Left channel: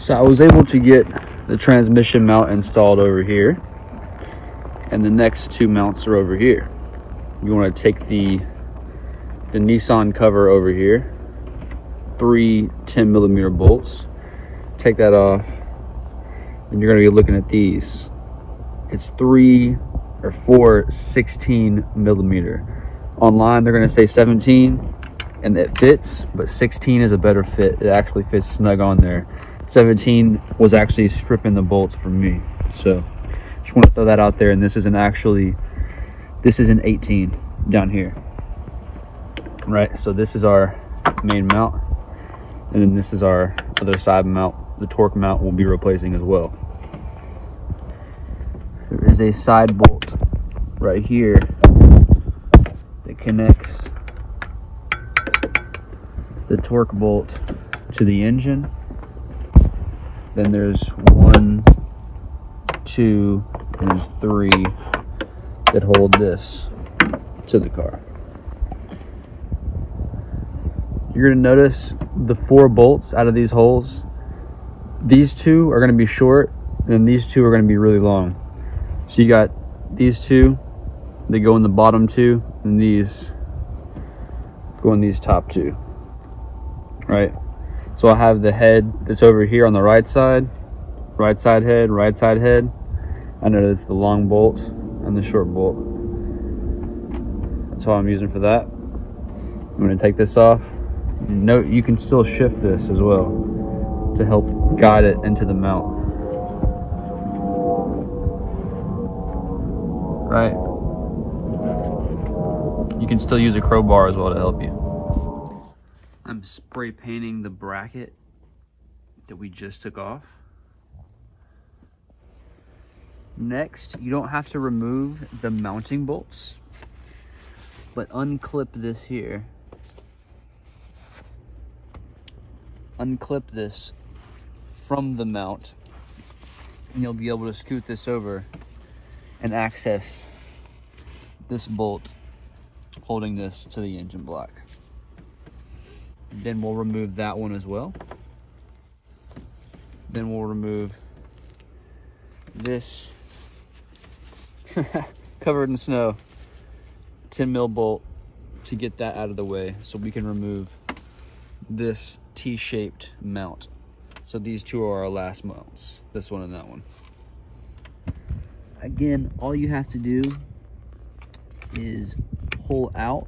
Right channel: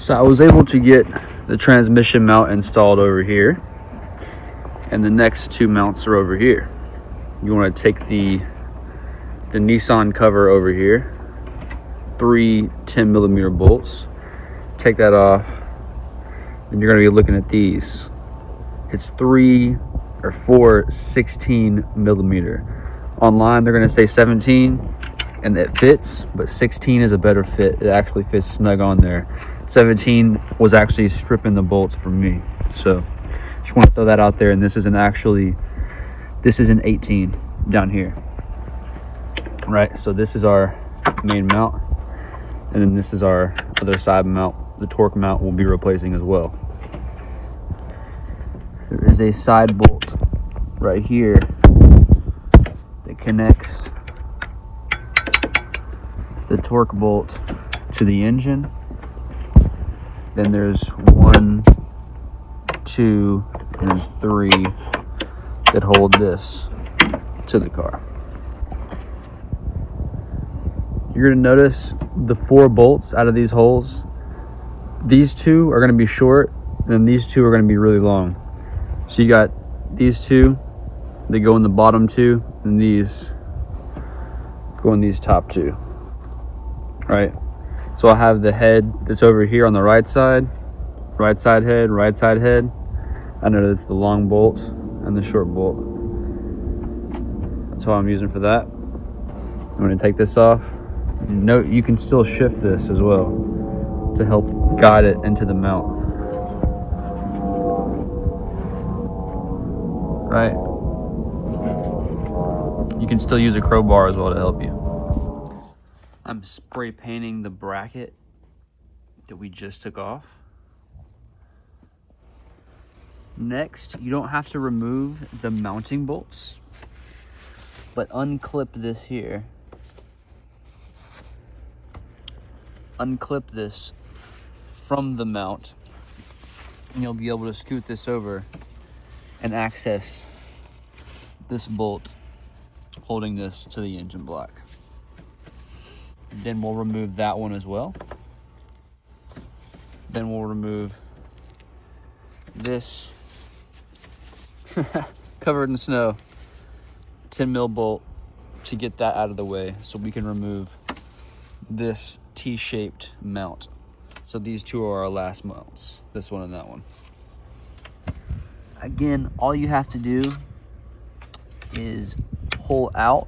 So I was able to get the transmission mount installed over here, and the next two mounts are over here. You want to take the Nissan cover over here, 3 10mm bolts, take that off, and you're going to be looking at these. It's 3 or 4 16mm. Online they're going to say 17, and it fits, but 16 is a better fit. It actually fits snug on there. 17 was actually stripping the bolts for me, so just want to throw that out there. And this is an 18 down here, right? So this is our main mount, and then this is our other side mount. The torque mount we'll be replacing as well. There is a side bolt right here that connects the torque bolt to the engine. Then there's 1, 2, and 3 that hold this to the car. You're gonna notice the 4 bolts out of these holes. These 2 are gonna be short, and these 2 are gonna be really long. So you got these 2, they go in the bottom 2, and these go in these top 2, right? So I'll have the head that's over here on the right side head, right side head. I know that's the long bolt and the short bolt. That's what I'm using for that. I'm gonna take this off. Note you can still shift this as well to help guide it into the mount. Right? You can still use a crowbar as well to help you. I'm spray painting the bracket that we just took off. Next, you don't have to remove the mounting bolts, but unclip this here. Unclip this from the mount, and you'll be able to scoot this over and access this bolt holding this to the engine block. Then we'll remove that one as well. Then we'll remove this covered in snow 10mm bolt to get that out of the way, so we can remove this T-shaped mount. So these 2 are our last mounts, this one and that one. Again, all you have to do is pull out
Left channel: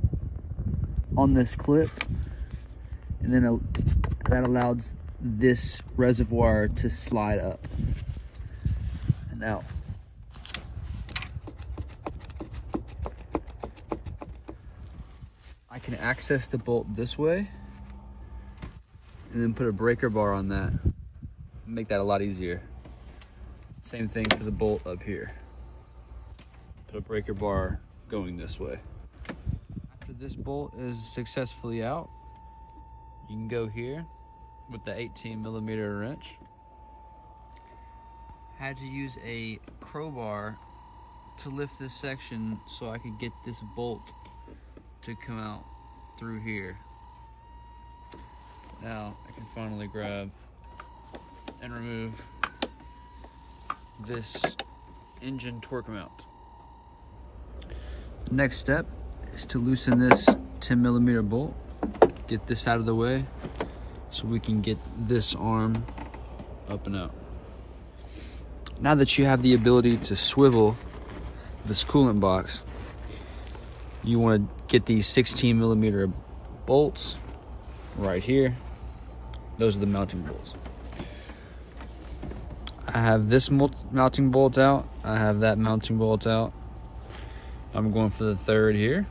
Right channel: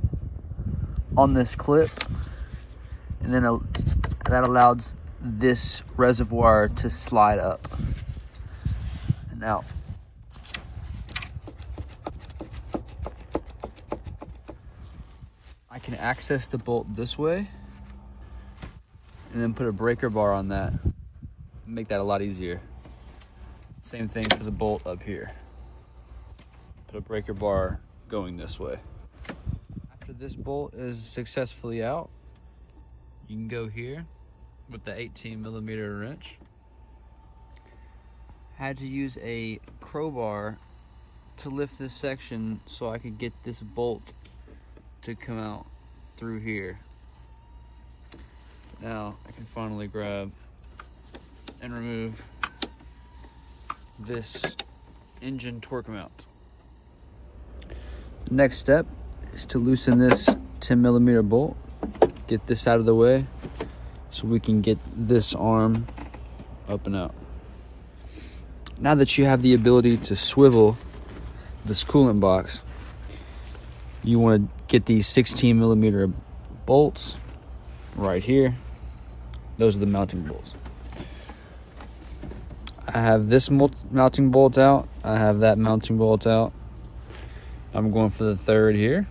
on this clip, and then that allows this reservoir to slide up and out. I can access the bolt this way and then put a breaker bar on that, make that a lot easier. Same thing for the bolt up here. Put a breaker bar going this way. After this bolt is successfully out, you can go here with the 18mm wrench. Had to use a crowbar to lift this section so I could get this bolt to come out through here. Now I can finally grab and remove this engine torque mount. The next step is to loosen this 10mm bolt, get this out of the way so we can get this arm up and out. Now that you have the ability to swivel this coolant box, you want to get these 16mm bolts right here. Those are the mounting bolts. I have this mounting bolt out. I have that mounting bolt out. I'm going for the third here.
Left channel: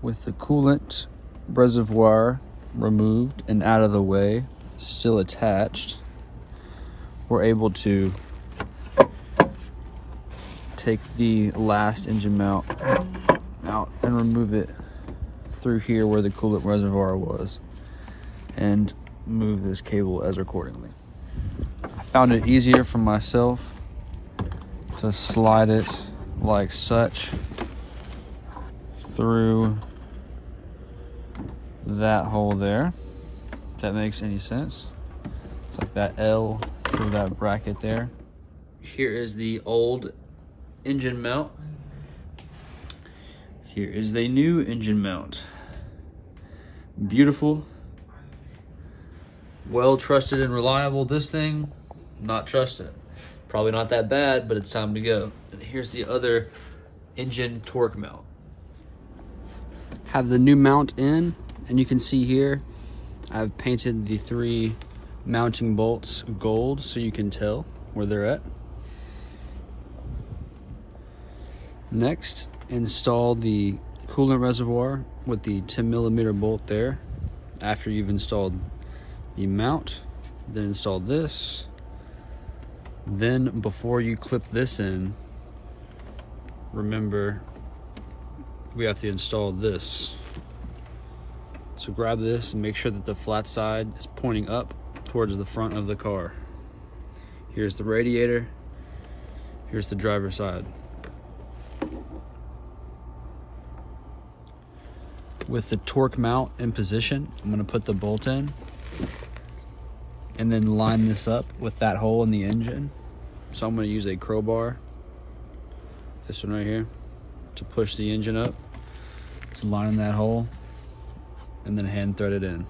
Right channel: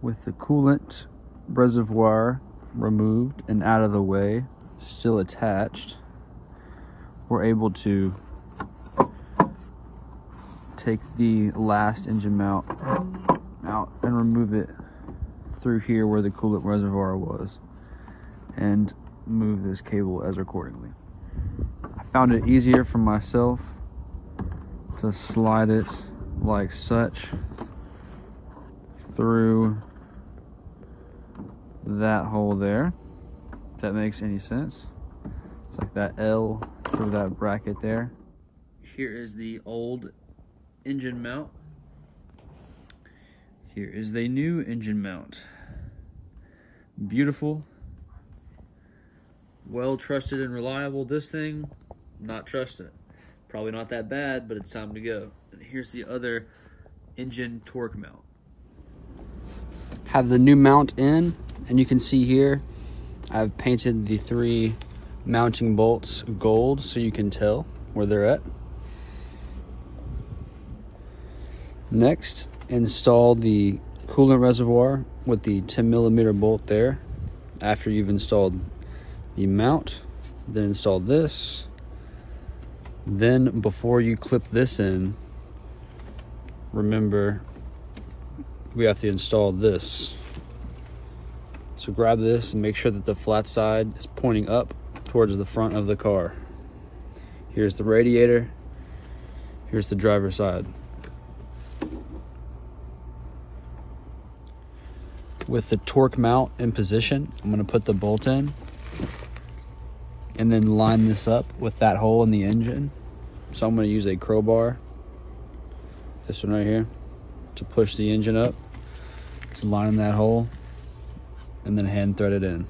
With the coolant reservoir removed and out of the way, still attached, we're able to take the last engine mount out and remove it through here where the coolant reservoir was, and move this cable as accordingly. I found it easier for myself to slide it like such through that hole there that makes any sense. It's like that L through that bracket there. Here is the old engine mount. Here is the new engine mount. Beautiful, well trusted and reliable. This thing, not trusted. Probably not that bad, but it's time to go. And here's the other engine torque mount. Have the new mount in, and you can see here, I've painted the 3 mounting bolts gold so you can tell where they're at. Next, install the coolant reservoir with the 10mm bolt there. After you've installed the mount, then install this. Then before you clip this in, remember we have to install this. So grab this and make sure that the flat side is pointing up towards the front of the car. Here's the radiator, here's the driver's side. With the torque mount in position, I'm gonna put the bolt in and then line this up with that hole in the engine. So I'm gonna use a crowbar, this one right here, to push the engine up, to line in that hole, and then hand thread it in.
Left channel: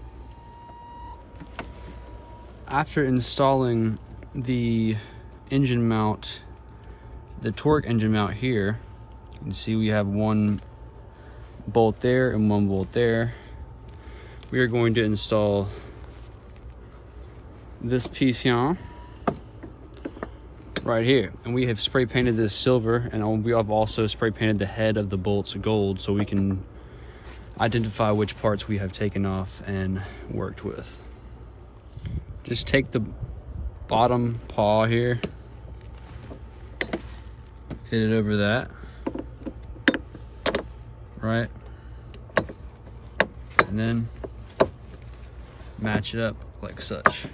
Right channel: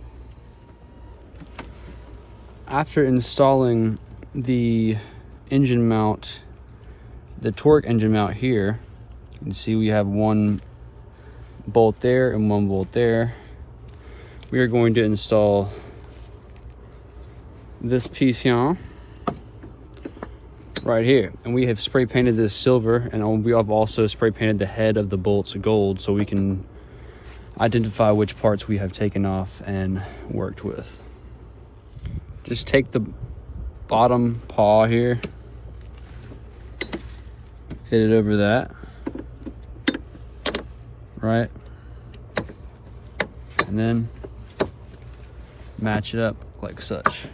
After installing the engine mount, the torque engine mount here, you can see we have 1 bolt there and 1 bolt there. We are going to install this piece here right here, and we have spray painted this silver, and we have also spray painted the head of the bolts gold so we can identify which parts we have taken off and worked with. Just take the bottom paw here, fit it over that, right, and then match it up like such.